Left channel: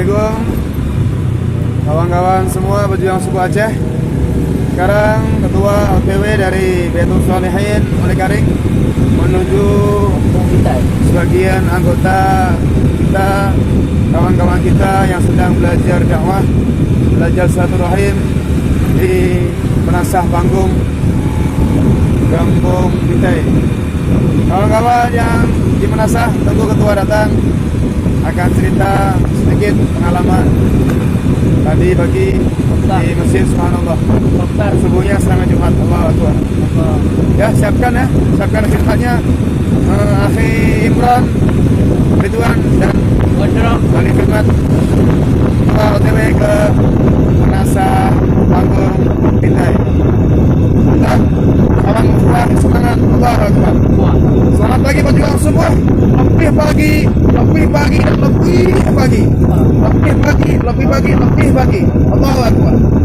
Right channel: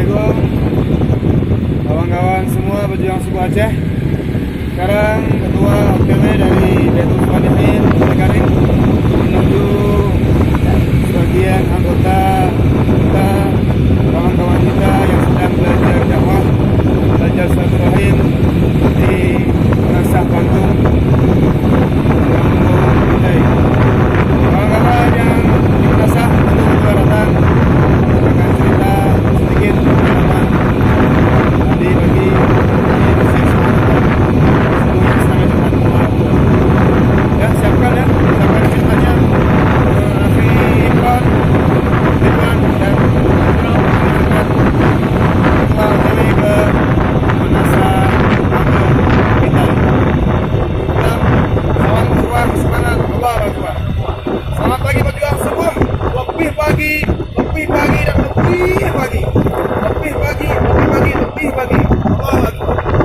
Assalamualaikum kawan-kawan semua pejuang suku Aceh. Sekarang ketua OKW dari Baitul Shalihin Telekaring menuju sebagian anggota kita, kawan-kawan kita yang sedang belajar dakwah, belajar silaturahim di Menasah Panggung kita. Kawan-kawan yang di Menasah, tentu ketua datang akan cerita sedikit pengalaman tadi bagi tentang bersih subhanallah. Sesungguhnya sangat nikmat Allah Tuhan. Ya, siapkan ceritanya. Akhi Imran, Ridwan dan Nabi Firman, ketua OTW ke Menasah Panggung kita. Tetap kawan ukhuwah semangat Allah Akbar. Selamat pagi pejuang semua. Lebih pagi dan lebih pagi. Lebih pagi. Allahu Akbar.